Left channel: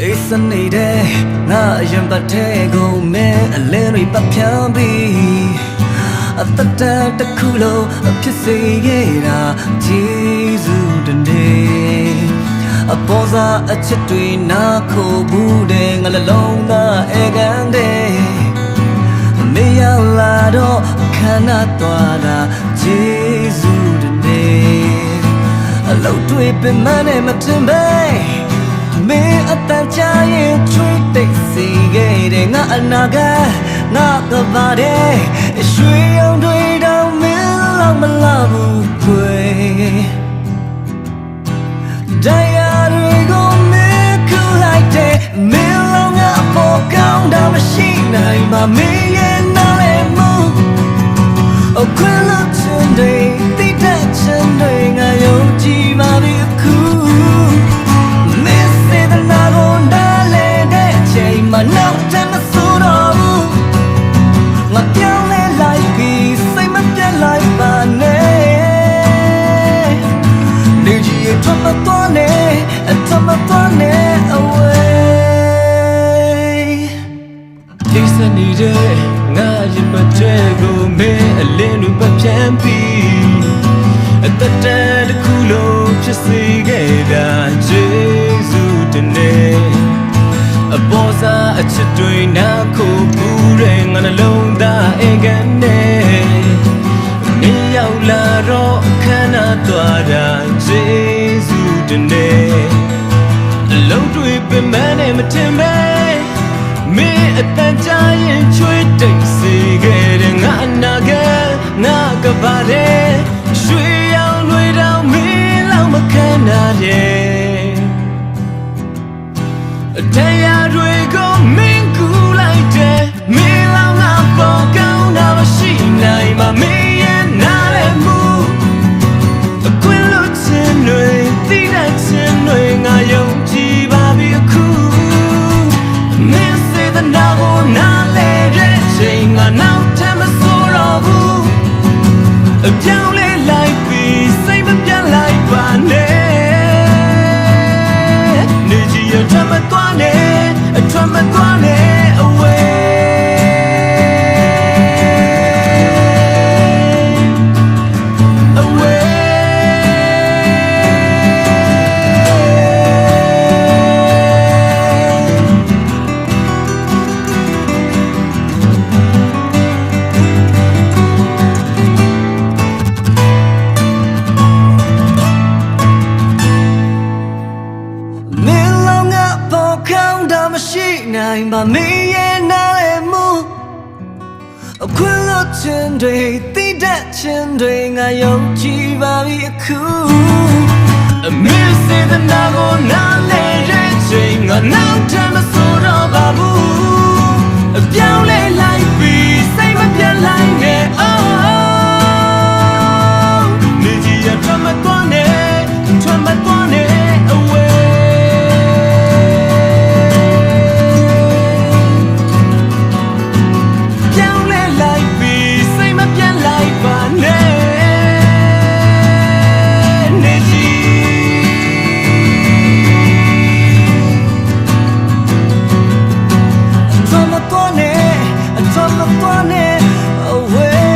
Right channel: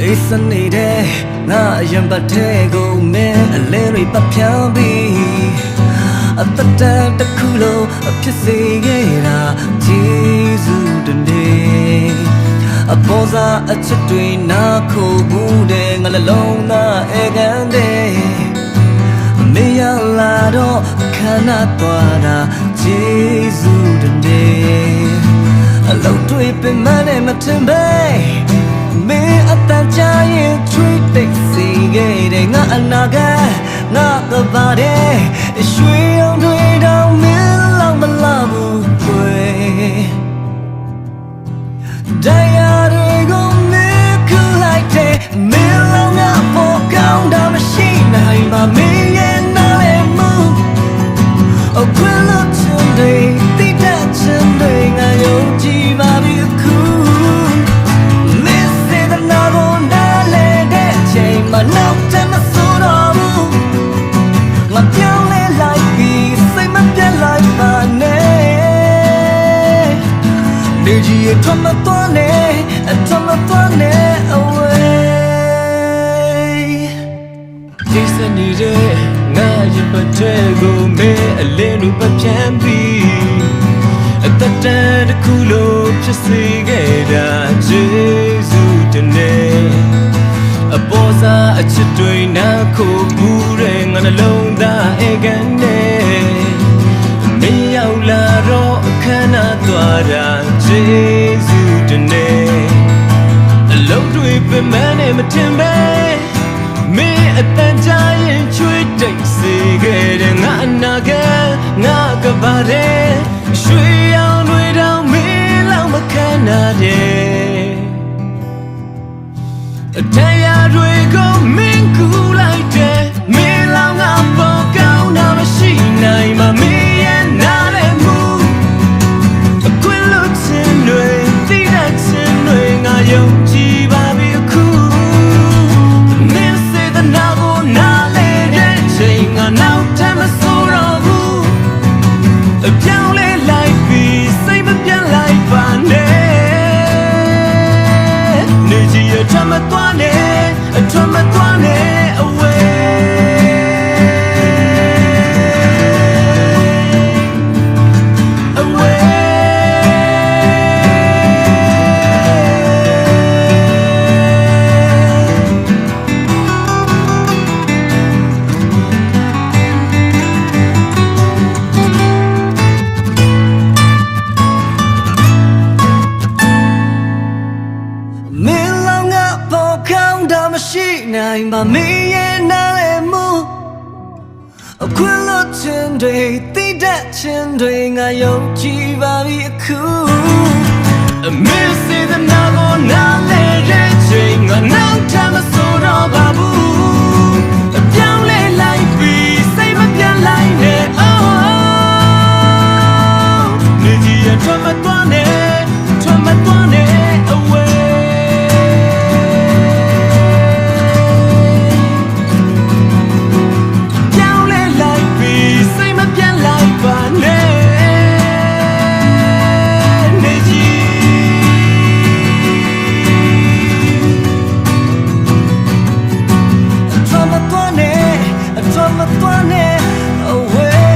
အေးစနေတဲ့ငါအရင်ပတ်ထဲကိုမင်းအလင်းတွေပတ်ဖြန်းပြီးအတတန်တစ်ခုလုံးအဖြစ်စေခဲ့တာဂျေဇုတနေ့အပေါ်စားအချစ်တွေနာခိုဘူးတဲ့ငါလည်းလုံးသားအေကန်တဲ့မေရလာတော့ခန္ဓာသွားတာဂျေဇုတနေ့အလုံးတွေပင်မနဲ့မထင်ပဲ မင်းအတန်ကြာရင်ချွေးတိတ်စီခဲ့တဲ့ငါအနာကငါကပါတဲ့ရွှေအောင်တွေတော့မင်းလောက်မလာဘူးဖွယ်တရားတွေကိုမင်းခုလိုက်တဲ့မင်းလောက်ငါပေါ်ကောင်းတာမရှိနိုင်ပါမင်းရဲ့နားလေမှုအခွင့်လို့ချင်တွေတိတ်တဲ့ချင်တွေငါယုံကြည်ပါပြီအခု န်မှနောက်တည်းမဆိုတော့ဘူးငါပြောင်းလဲလိုက်ပြီးစိတ်မပြတ်လိုက်ပါနဲ့နေကြီးရထွက်မသွားနဲ့အထွက်မသွားနဲ့ away အိစနေတဲ့ငါရင်ပတ်တဲ့ကိုမဲအလင်းတွေပတ်ဖြန်းပြီးအသက်တန်တစ်ခုလုံးဖြစ်စေခဲ့တာဂျေဇုတနေ့ အပေါ်စားအချစ်တွေနာခိုဘူးတဲ့ငါနှလုံးသားအေကန်နဲ့မင်းရောက်လာတော့အခမ်းအနားသွားတာဂျေဇုတနေ့အလုံးတွေပင်မနဲ့မထင်ပဲမင်းအတန်ကြာရင်ချွေးတိတ်စေခဲ့တဲ့ငါအနာကငါကပါတဲ့ရွှေရောင်တွေတောင်မင်းလောက်မခံနိုင်တဲ့ တရားတွေကိုမင်းကူလိုက်တဲ့မင်းလောက်ငါပေါ်ကောင်းတာမရှိနိုင်မှာမင်းရဲ့နားလည်းမူအခွင့်လို့ခြင်းတွေသိတတ်ခြင်းတွေငါယုံကြည်ပါပြီအခုမင်းစေတနာကိုနားလဲတဲ့ချိန်ငါနောက်ထပ်မဆိုတော့ဘူးအပြောင်း နေကြီးရထွက်မသွားနဲ့အထွက်မသွားနဲ့ away ပေါ်ကောင်းတာမရှိနိုင်ပါမင်းရဲ့နားလေမှုအခွင့်လို့ခြင်းတွေတိတတ်ခြင်းတွေငါယုံကြည်ပါပြီအခုအမင်းစေတနာကိုနားလေတဲ့ချိန်ငါနောက်ထပ်မဆိုတော့ပါဘူးအပြောင်းလဲလိုက်ပြီးစိတ်မပြတ်လိုက်နဲ့ oh နေကြီးရထွက်မသွားနဲ့ထွက်မသွား လိုက်ပါနဲ့နေကြီးအထွမ်းမသွားနဲ့အထွမ်းမသွားနဲ့ away